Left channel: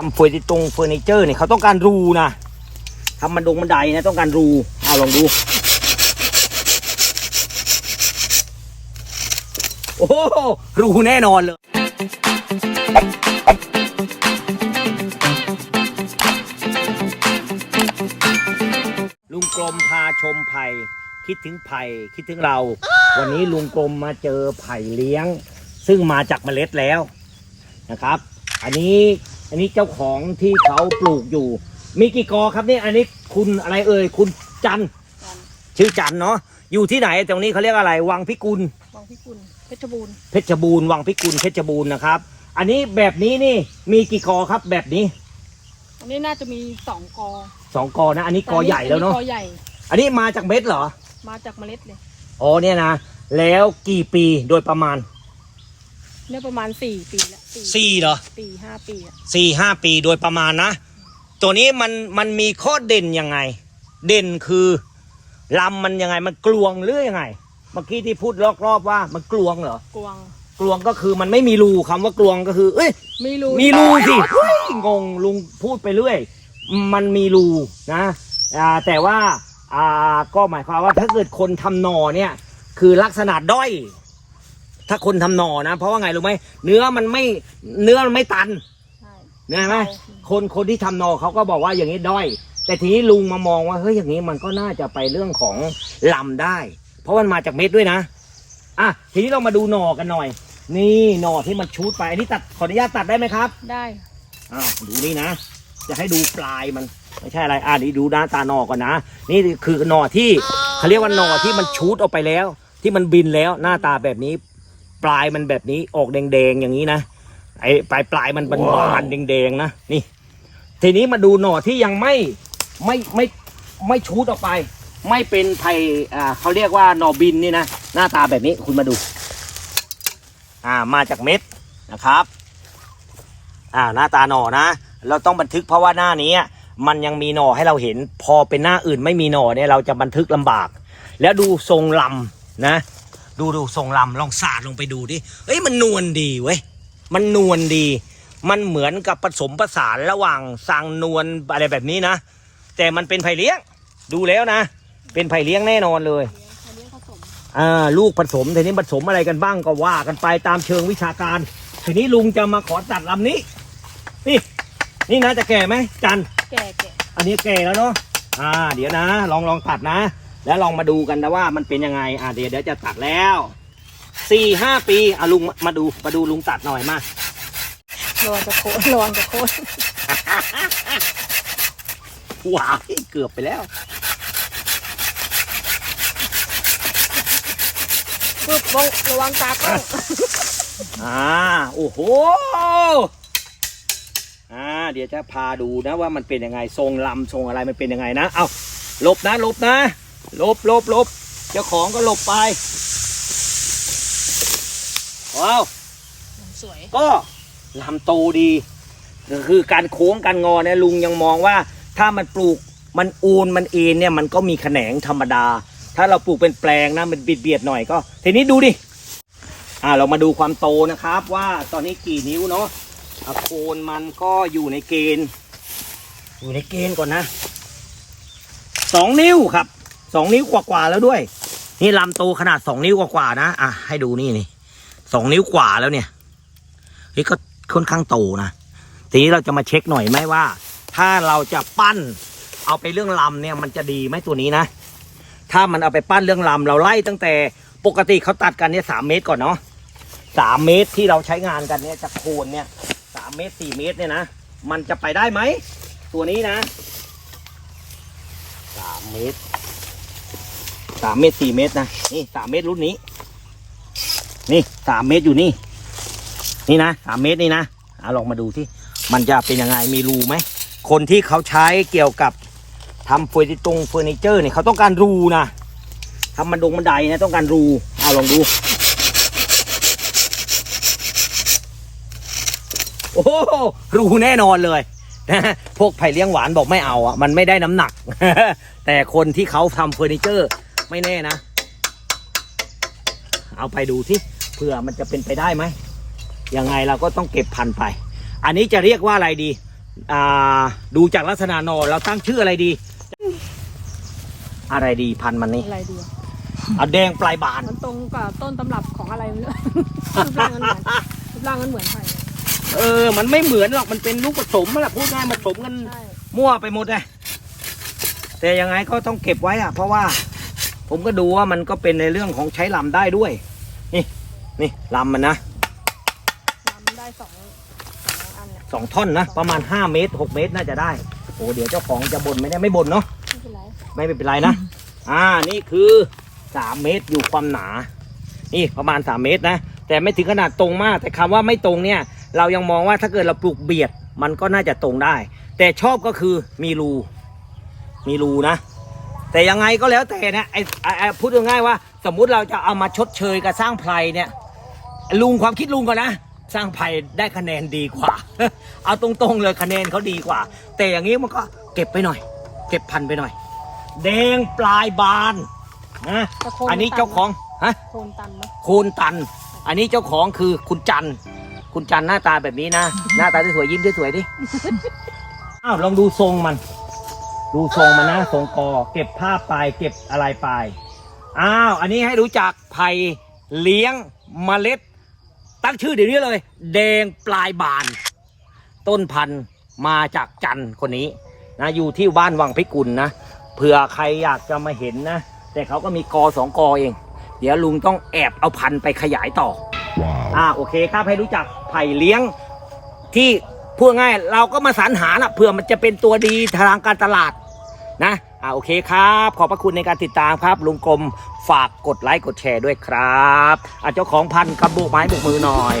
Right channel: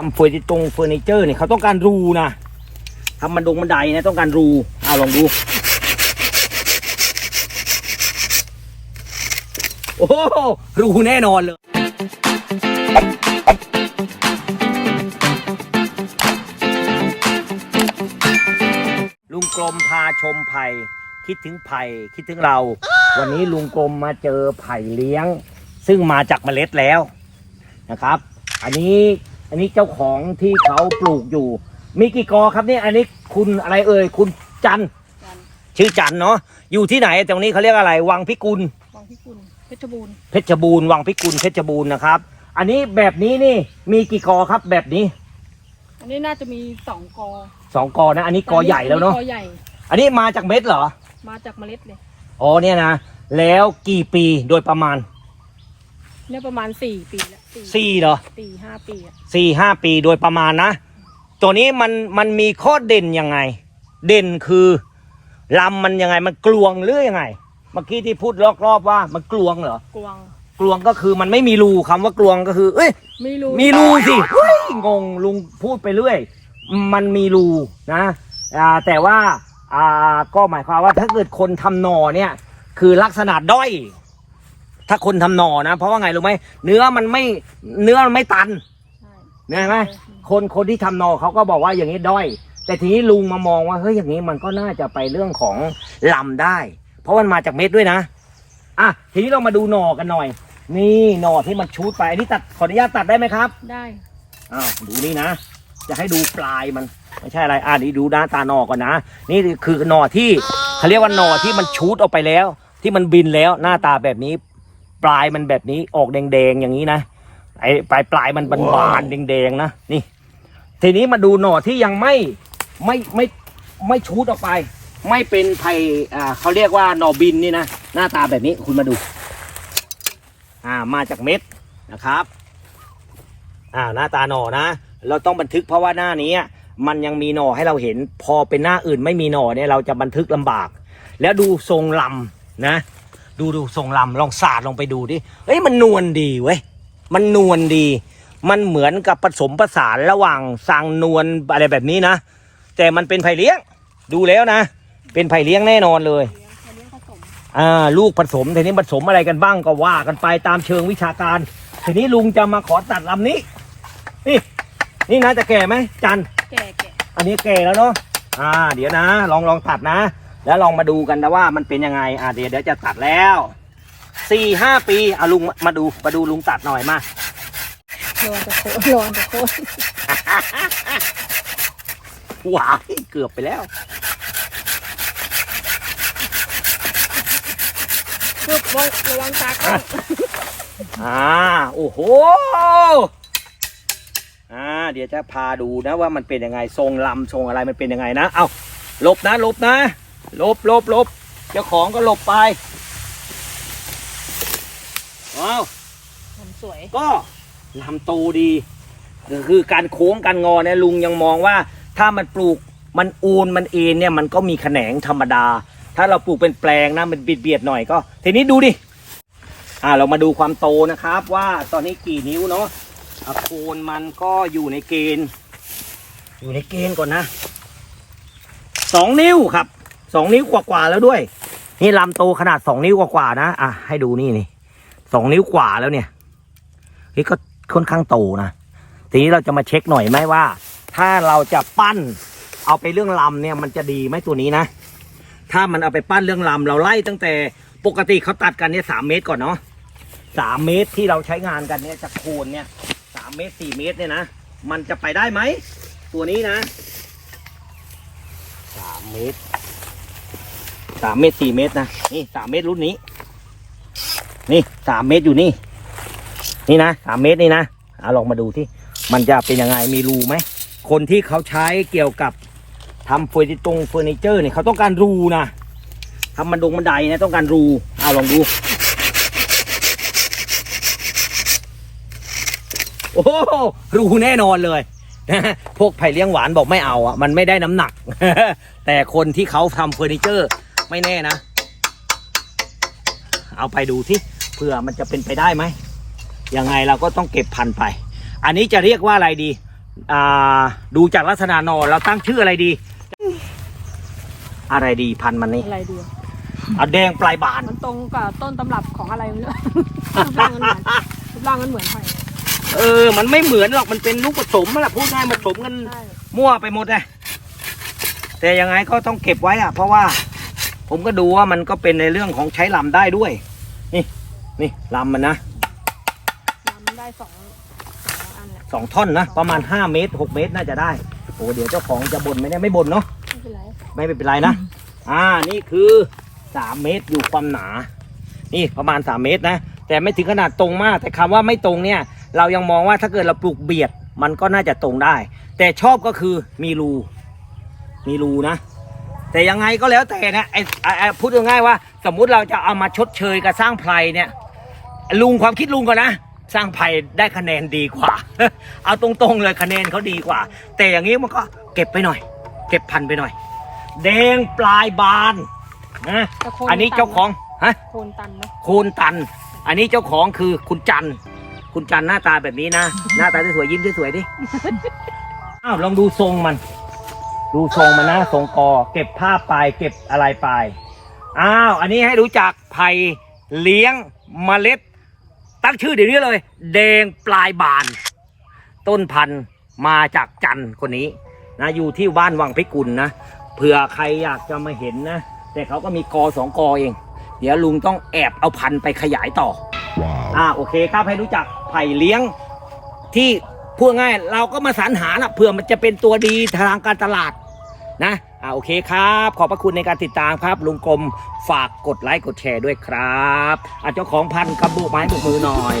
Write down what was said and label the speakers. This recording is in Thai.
Speaker 1: ทำเฟอร์นิตรงเฟอร์นิเจอร์เนี่ยเขาต้องการรูนะทำมันดงบันไดนะต้องการรูเอาลองดู โอ้โหรูแน่นอนเลยลุงกลมพาชมไผ่คิดถึงไผ่คิดถึงเรา วันนี้ลุงกลมมาเจอไผ่เลี้ยง ซึ่งมาจากเมล็ดแล้วนะครับ อันนี้ อันนี้เจ้าของที่เขาปลูกอยู่ มีกี่กอครับเนี่ยอันนี้คุณอะไรเอ่ยคุณจันทร์
Speaker 2: กัน
Speaker 1: ชื่อจันทร์เนาะอยู่ที่ไหนตรงนี้เขาเรียกอะไร วังพิกุล
Speaker 2: วังพิกุลเพชรบูรณ์
Speaker 1: เพชรบูรณ์วังพิกุลเพชรบูรณ์นะครับ อันนี้แบบนี้นี่มีกี่กอครับแบบนี้
Speaker 2: อันนี้น่าจะมีสองกอ
Speaker 1: สองกอนะ อันนี้กอใหญ่แล้วเนาะ
Speaker 2: กอใหญ่
Speaker 1: อันนี้มาจากเม็ดเหรอ
Speaker 2: มาจากเมล็ดเลย
Speaker 1: อ๋อเนี่ยนะ แล้วกี่ปีโดยประมาณ
Speaker 2: เนี่ยประมาณสี่ปีละ
Speaker 1: สี่เหรอ
Speaker 2: สี่ห้าปีอะ
Speaker 1: สี่ห้าปีโดยประมาณนะ ตัวนี้มันมันมีข้อเด่นยังไง เด่นคือลำมันยังไงมันกลวงหรือยังไง เมื่อกี้ที่พูดรอบๆว่ามันกลวงเหรอ
Speaker 2: กวาง
Speaker 1: กลวงก็คือมันไม่มีรูคำว่ากลวงก็คือ เอ้ย
Speaker 2: มีรู
Speaker 1: มีรูสิเฮ้ยงงลุงพูดไปเรื่อย มันมีรูนะอ่าแต่ว่าอ่าก็หมายความว่าถ้าเกิดคนทำหนอเนี่ย คือลักษณะด้อย ถ้าคนทำหนอนะ เพราะว่าไงรู้ไหมเนื้อมันไม่เนื้อมันไม่ตัน
Speaker 2: ใช่
Speaker 1: เนี่ยเห็นไหมคนคนที่ทำหนอเขาก็บอกว่าอย่างนี้ด้อย แต่ทีนี้ลุงมามองว่าเฮ้ยอย่างนี้มันก็น่าจะไปเรื่องของลำได้ เพราะมันมาจากเม็ดด้วยนะอะทีนี้เรามาดูหน่อกันหน่อย นี่หน่อที่มันชูดไปอันนี้ตัดขออนุญาตตัดได้ไหมครับ
Speaker 2: ได้
Speaker 1: อ้าวดูนี่นะ จะให้ดูปลายมันไม่ใช่อะไรอ่านี่ดูด้านตาหนอก่อนนะ นี่คือหนอที่เขาเรียกว่าหนอที่มันชูดออกไปแล้ว ที่มันบินแล้วหน้าตาแบบนี้ ปลายมันแบบนี้ออกแดงๆอย่างนี้นะไอ้ปลายปลายมันบานๆแดงๆนะนี่ ทีนี้มาดูหนอที่ยังไม่ไม่ไม่ไม่ชูดออกไป ไม่เป็นไผ่อ่าเขาเรียกว่าหนอบินนี่นะหน้าตาแบบนี้คุณมาดู อ่ามาจากเม็ดนะครับ อ่าหน้าตาหน่อนะ เราต้องบันทึกเพราะว่าหน้านี้มันยังมีหน่อให้เราเห็น พอเป็นหน้าอื่นไม่มีหน่อเนี่ยเราจะบันทึกลำบาก แล้วดูทรงลำนะ ดูดูทรงลำลองสาดลงไปดูดิเอ้ยมันนวลดีเว้ยมันนวลดี มันเหมือนกับผสมผสานระหว่างสังนวลอะไรแบบนี้นะ แต่มันเป็นไผ่เลี้ยง ดูแล้วนะ เป็นไผ่เลี้ยงแน่นอนเลย
Speaker 2: เลี้ยงเขาเลี้ยงผสม
Speaker 1: อ่าลูกผสมทีนี้ผสมอะไรกันบ้างก็ว่ากันไปตามเชิงวิชาการ ทีนี้ลุงจะมาขอตัดลำนี้ นี่นี่นะจะแก่ไหมจัน
Speaker 2: แก่แก่
Speaker 1: อันนี้แก่แล้วเนาะอ่า เดี๋ยวนะ ลองลองตัดนะ แล้วลองมาดูกันนะว่ามันเป็นยังไงอ่าเดี๋ยวเดี๋ยวจะตัดแล้วสี่ห้าปีอะลุงมามาดูมาดูลุงตัดหน่อยมา
Speaker 2: ลวงจะโคนลวงจะโคน
Speaker 1: ว้ายเกือบไปแล้ว
Speaker 2: ปึ๊บระวังระวังตาเข้า
Speaker 1: อ่าโอ้โหอ่าเดี๋ยวจะพาดูนะว่ามันเป็นยังไงทรงลำทรงอะไรมันเป็นยังไงนะเอาหลบนะหลบนะห ลบลบลบเจ้าของก็หลบไปว้าว
Speaker 2: สวย
Speaker 1: ก็ลำโตดี คือการโค้งการงอเนี่ยลุงยังมองว่า ถ้ามันปลูกมันอูนมันเอ็นเนี่ยมันก็มีแขนงธรรมดา ถ้าเราปลูกเป็นแปลงนะมันเบียดเบียดหน่อยก็ ทีนี้ดูดิอ่าเรามาดูความโตนะครับ ว่าตอนนี้กี่นิ้วเนาะอะโคนมันก็อยู่ในเกณฑ์ อยู่ในเกณฑ์ก่อนนะสองนิ้วครับ สองนิ้วกว่าๆแล้วด้วย นี่ลำโตขนาดสองนิ้วกว่าๆนะอะให้ดูนี่นี่สองนิ้วกว่าแล้วเนี่ยเฮ้ยก็ค่อนข้างโตนะทีนี้เราจะมาเช็คหน่อยไหมว่า ถ้าเราจะปั้น เอาไปเรื่องลำเนี่ยมันจะดีไหมตัวนี้นะ ถ้ามันเอาไปปั้นเรื่องลำเราไล่ตั้งแต่ปกติเขาตัดกันเนี่ยสามเมตรก่อนเนาะสามเมตรที่เราใช้งานกันเนี่ยจากโคนเนี่ยสามเมตรสี่เมตรเนี่ยนะมันจะไปได้ไหมตัวนี้นะสามเมตร สามเมตรสี่เมตรนะนี่สามเมตรรุ่นนี้ นี่สามเมตรอยู่นี่ นี่นะสามเมตรนี่นะเอาลองมาดูที่มันจะเป็นยังไงมีรูไหมคนที่เขาใช้เกี่ยวกับทำเฟอร์นิตรงเฟอร์นิเจอร์เนี่ยเขาต้องการรูนะทำมันดงบันไดนะต้องการรูเอาลองดูโอ้โรูแน่นอนเลยนะพวกไผ่เลี้ยงหวานบอกไม่เอาอะ มันไม่ได้น้ำหนัก แต่คนที่เขาทำเฟอร์นิเจอร์ ไม่แน่นะ เอาไปดูที่เผื่อมันจะเป็นไปได้ไหมยังไงเราก็ต้องเก็บพันธุ์ไป อันนี้จะเรียกว่าอะไรดี อ่า ดูจากลักษณะหนอเราตั้งชื่ออะไรดี อะไรดีพันธุ์มันนี่
Speaker 2: อะไรดีอะ
Speaker 1: เอาแดงปลายบาน
Speaker 2: มันตรงกับต้นตำรับของอะไรไม่รู้รูปร่างมันเหมือนรูปร่างมันเหมือนไผ่
Speaker 1: เออ มันไม่เหมือนหรอก มันเป็นลูกผสมนั่นแหละพูดง่ายมันผสมกัน
Speaker 2: ใช่
Speaker 1: มั่วไปหมดเลยแต่ยังไงก็ต้องเก็บไว้อะเพราะว่า ผมก็ดูว่ามันก็เป็นในเรื่องของใช้ลำได้ด้วย นี่นี่ลำมันนะ
Speaker 2: มันได้สองอันเนี่ย
Speaker 1: สองท่อนนะ ประมาณห้าเมตรหกเมตรน่าจะได้ โอ้เดี๋ยวเจ้าของจะบ่นไม่ได้ไม่บ่นเนาะ
Speaker 2: ไม่เป็นไร
Speaker 1: ไม่เป็นไรนะ อ่านี่คือสามเมตรอยู่ความหนา นี่ประมาณสามเมตรนะ แต่ไม่ถึงขนาดตรงมาก แต่คำว่าไม่ตรงเนี่ย เรายังมองว่าถ้าเกิดเราปลูกเบียดมันก็น่าจะตรงได้ แต่ชอบก็คือมีรู มีรูนะ แต่ยังไงก็แล้วแต่นะไอ้ไอ้ไอ้พูดง่ายๆว่า สมมุติเราจะเอามาชดเชยกับสร้างไพรเนี่ยลุงความคิดลุงก่อนนะสร้างไผ่ได้คะแนนดีกว่า เอาตรงๆเลยคะแนนเขาดีกว่า แต่อย่างนี้มันก็เก็บไปหน่อย เก็บพันธุ์ไปหน่อยแดงปลายบานนะ
Speaker 2: แต่โค
Speaker 1: อันนี้เจ้าของฮะ
Speaker 2: โคนตันไหม
Speaker 1: โคนตัน อันนี้เจ้าของคือคุณจันทร์คุณจันทร์หน้าตาแบบนี้นะ หน้าตาสวยๆยิ้มสวยๆดิอ้าวลองดูทรงมัน ดูทรงมันนะทรงกอ เก็บผ้าปลายเก็บอะไรปลายอ้าวอันนี้ให้รู้จักไผ่เลี้ยงเมล็ด ตั้งชื่อเดี๋ยวนี้เลย แดงปลายบาน ต้นพันธุ์มาจากจันทร์คนนี้นะอยู่ที่บ้านวังพิกุลนะเผื่อใครอยากจะมาเห็นนะ แต่เขาก็มีกอสองกอเอง เดี๋ยวลุงต้องแอบเอาพันธุ์ไปขยายต่อ
Speaker 3: Wow.
Speaker 1: อ่าโอเคครับให้รู้จักไผ่เลี้ยงที่ พูดง่ายเราก็มาสรรหานะเผื่อมันจะเป็นตัวดีทางการตลาดนะอ่าโอเคครับ ขอบพระคุณในการติดตามครับ ลุงกรมฝากกดไลค์กดแชร์ด้วยครับอ่าเจ้าของพันธุ์กระบุกไม้บุกมือหน่อย